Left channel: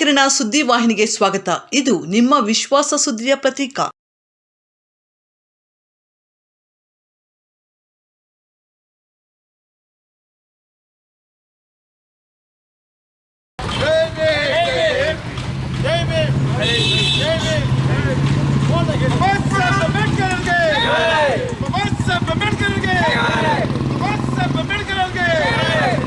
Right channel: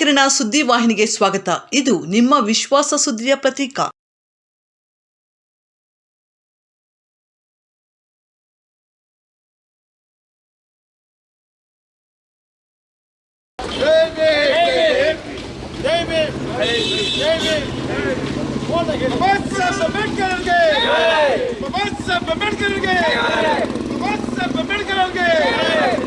ಕಿರಣ ಸುದ್ದಿ ವಾಹಿನಿಗೆ ಸ್ವಾಗತ. ಇದು ನಿಮ್ಮ ವಿಶ್ವಾಸ ಸುದ್ದಿಯ ಪ್ರತೀಕ. ಜೈ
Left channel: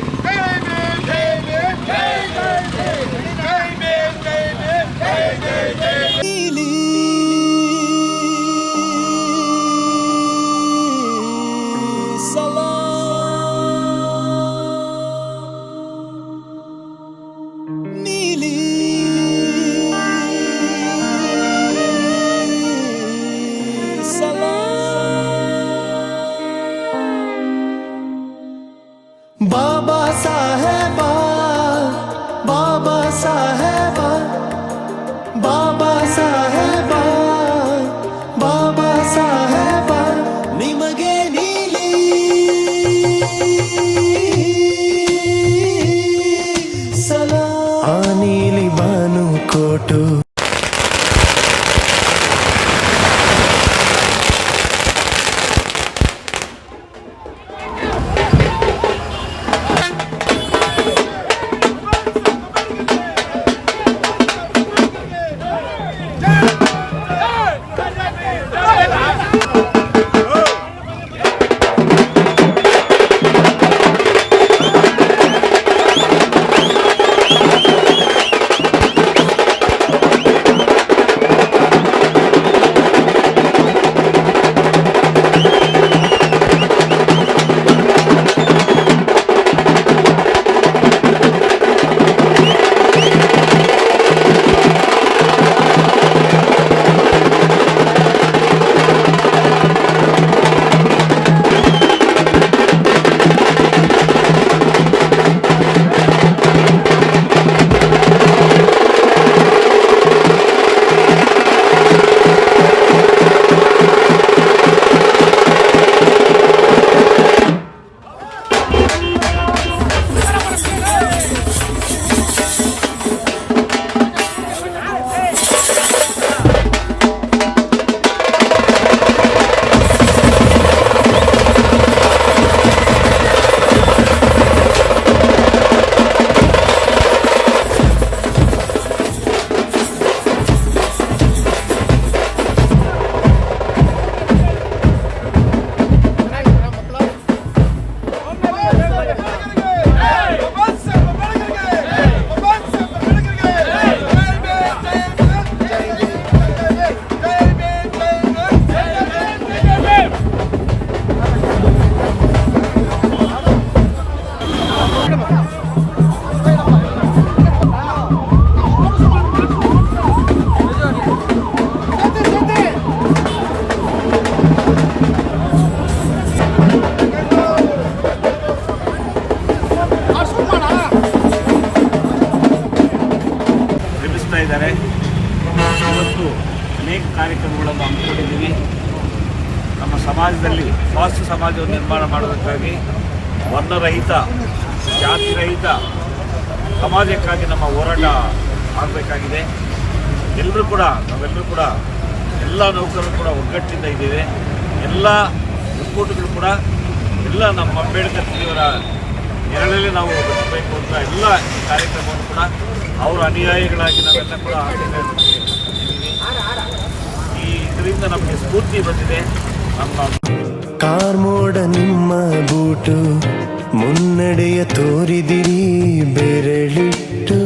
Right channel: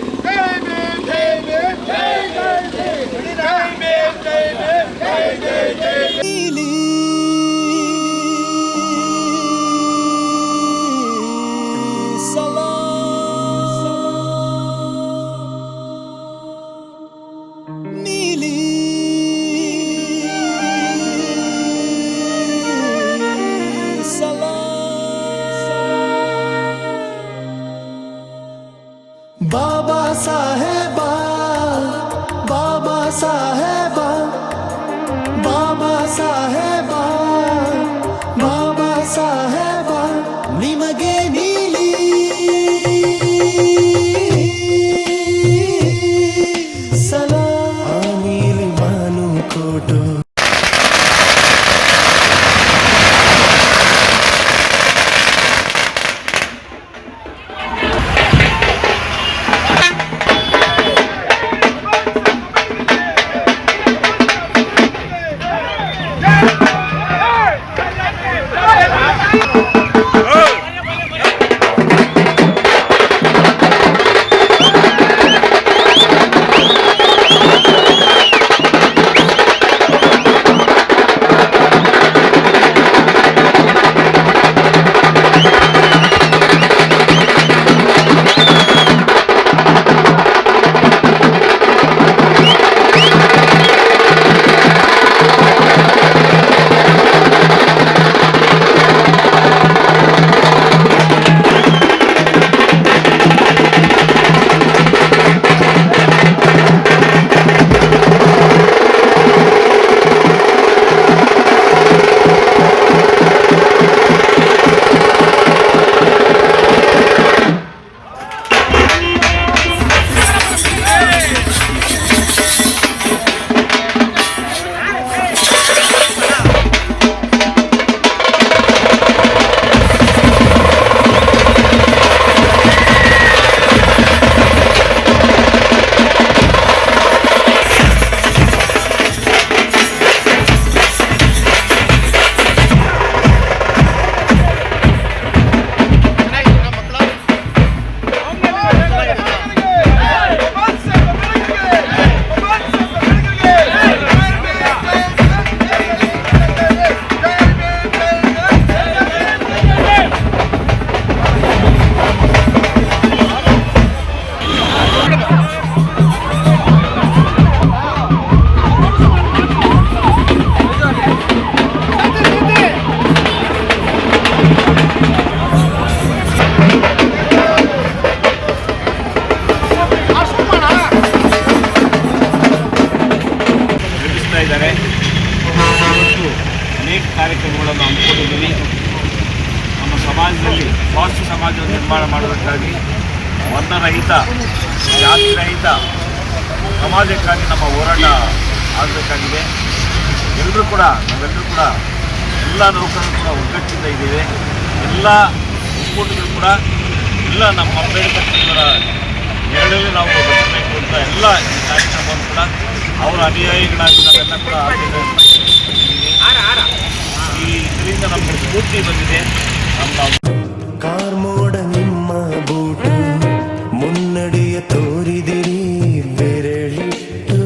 song. ಅನೇಕ ಕಾರ್ಯಕ್ರಮಗಳನ್ನು ಹಮ್ಮಿಕೊಂಡಿದ್ದೀವಿ. ನಮ್ಮ ಸಮಾಜದಲ್ಲಿ ಸ್ವಾಸ್ಥ್ಯ ಸಮಾಜವನ್ನು ನಿರ್ಮಾಣ ಮಾಡೋದಕ್ಕಾಗಿ ವರ್ಣರಹಿತ, ಜಾತಿರಹಿತ, ಸಮಾಜಕ್ಕಾಗಿ ನಮ್ಮ ಹೋರಾಟ ಆಗಬೇಕಾಗಿದೆ. ಎಲ್ಲರೂ ಕೂಡ, ನಾವೆಲ್ಲರೂ ಕೂಡ, ಎಲ್ಲ ನೌಕರರು ಕೂಡ ಒಗ್ಗಟ್ಟಿಂದ ಇದ್ದೇವೆ. ಎಲ್ಲ ಒಕ್ಕೂಟಗಳು ಕೂಡ, ಎಲ್ಲ ನಮ್ಮ ಅಂಬೇಡ್ಕರ್ ಅವರ ನೆರಳಲ್ಲಿ ನಾವು ಅಂತ ಎಲ್ಲ ಕಾರ್ಯಕ್ರಮ ಕಾರ್ಯಕ್ರಮವನ್ನು ಕೂಡ, ಅವರು ಅನುಯಾಯಿಗಳಾಗಿ ನಾವೆಲ್ಲ ಕೂಡ ಈ ಇದರಿಂದ ನಮಗೆ ಸ್ಫೂರ್ತಿ ಬಂದಿದೆ. ಕಾರ್ಮೋಡ ನಿಮ್ಮ ಬೂಟು ಮುನ್ನಡೆಯ ತೋರಿದಿರಿ, ಬೆರಳಿಟ್ಟು.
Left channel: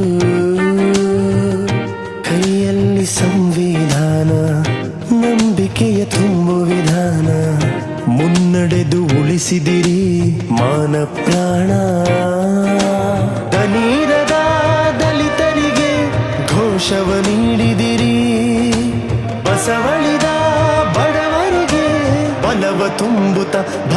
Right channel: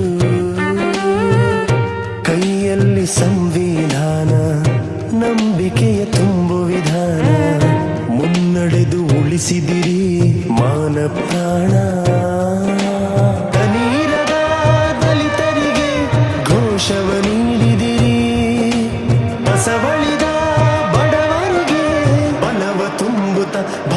ಕೈಯಲ್ಲಿ ಸಂವಿಧಾನ, ನಂಬಿಕೆಯ ತುಂಬ ವಿಧಾನ, ಮುನ್ನಡೆದು ಉಳಿಸಿದಿರಿ ಮಾನ ಪ್ರಾಣ. ದಲಿತರಿಗೆ ಘೋಷವ ನೀಡಿದಿರಿ ಬಸವಳಿದ ತುಂಬುತ್ತ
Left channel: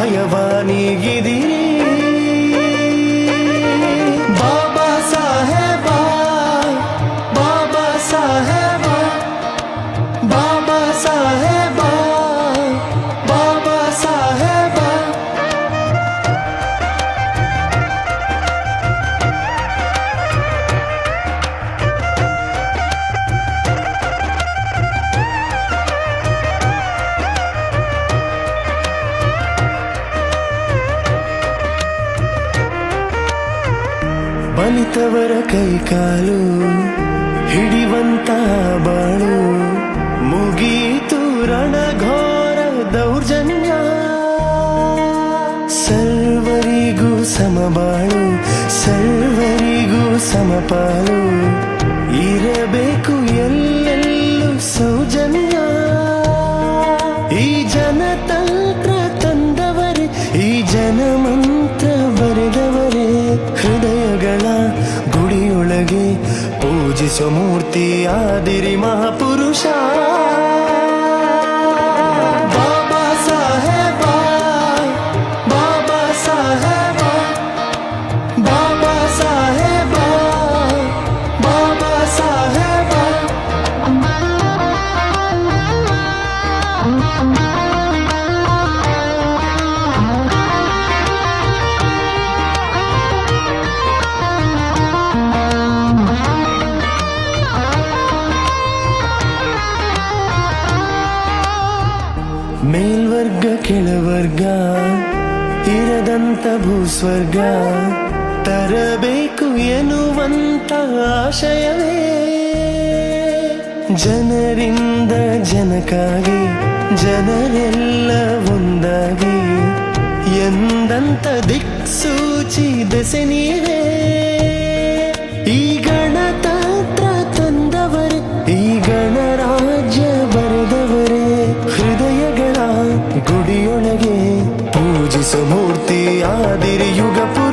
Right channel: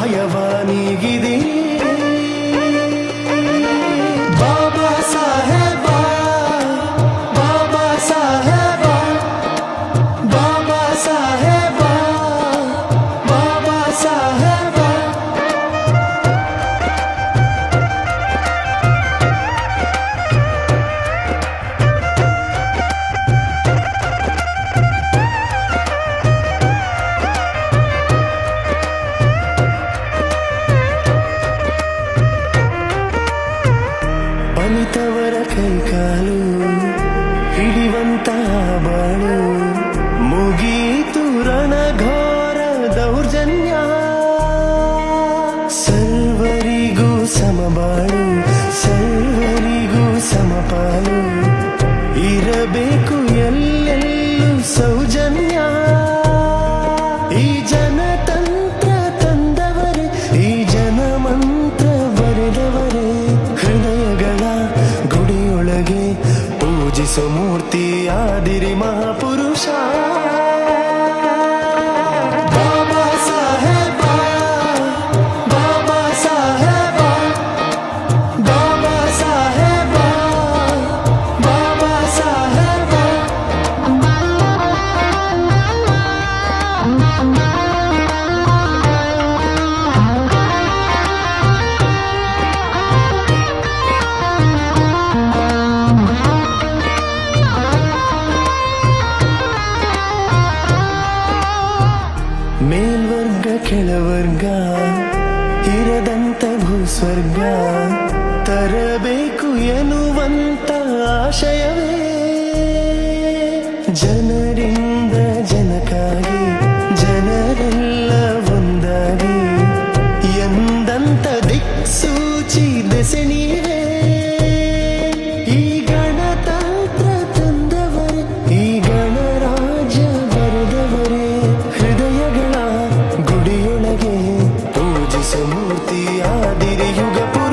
ಕೈ ಕಾಲು ಹಿಡಿವಂತ ಬಾಳು ಮುಗೀತು ರಣಘೋರ ದೌರ್ಜನ್ಯ. ಸರ್ವರಿಗೂ ಸಮಬಾಳು ಸರ್ವರಿಗೂ ಸಮಪಾಲು ಇರಬೇಕು ಎಲ್ಲೆಲ್ಲೂ ಸೌಜನ್ಯ. పూజిసు మూర్తి ఆదిరి మహాపురుషా ಕೆಳವರ್ಗ ಇರದಂತ ಭೂಸ್ವರ್ಗ ತರಬೇಕು ಎನ್ನುವಂತ ಆಶಯವೇ. ಜನರಿಂದ ಜನಕಾಗಿ ಜನರೆಲ್ಲ ಒಂದಾಗಿ ಎಂದಂತ ದಿಕ್ಸೂಚಿ ದೆಸೆ ನೀವೇ. ಪೂಜಿಸು ಮೂರ್ತಿ ಆದಿರಿ ಯುಗ ಪುರುಷ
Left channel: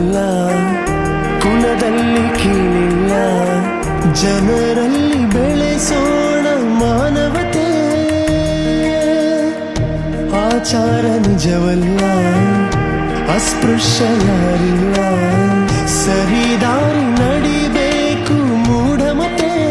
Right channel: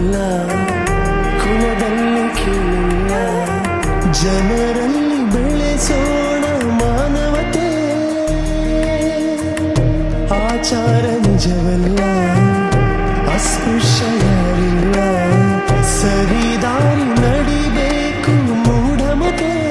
ಕುಲವಲ್ಲ ಕುಲದಲ್ಲಿ ಕೀಳಿಲ್ಲ. ಜನರಲ್ಲಿ ಬೆಳೆಸೋಣ ಮಾನವತೆ. ಆಚಾರ ನಿಜವಲ್ಲ. ಅಸ್ಪೃಶ್ಯ ಯಾರಿಲ್ಲ. ಸರಿದಾರಿ ನಡಿಬೇಕು ಮೂಢಮತೆ.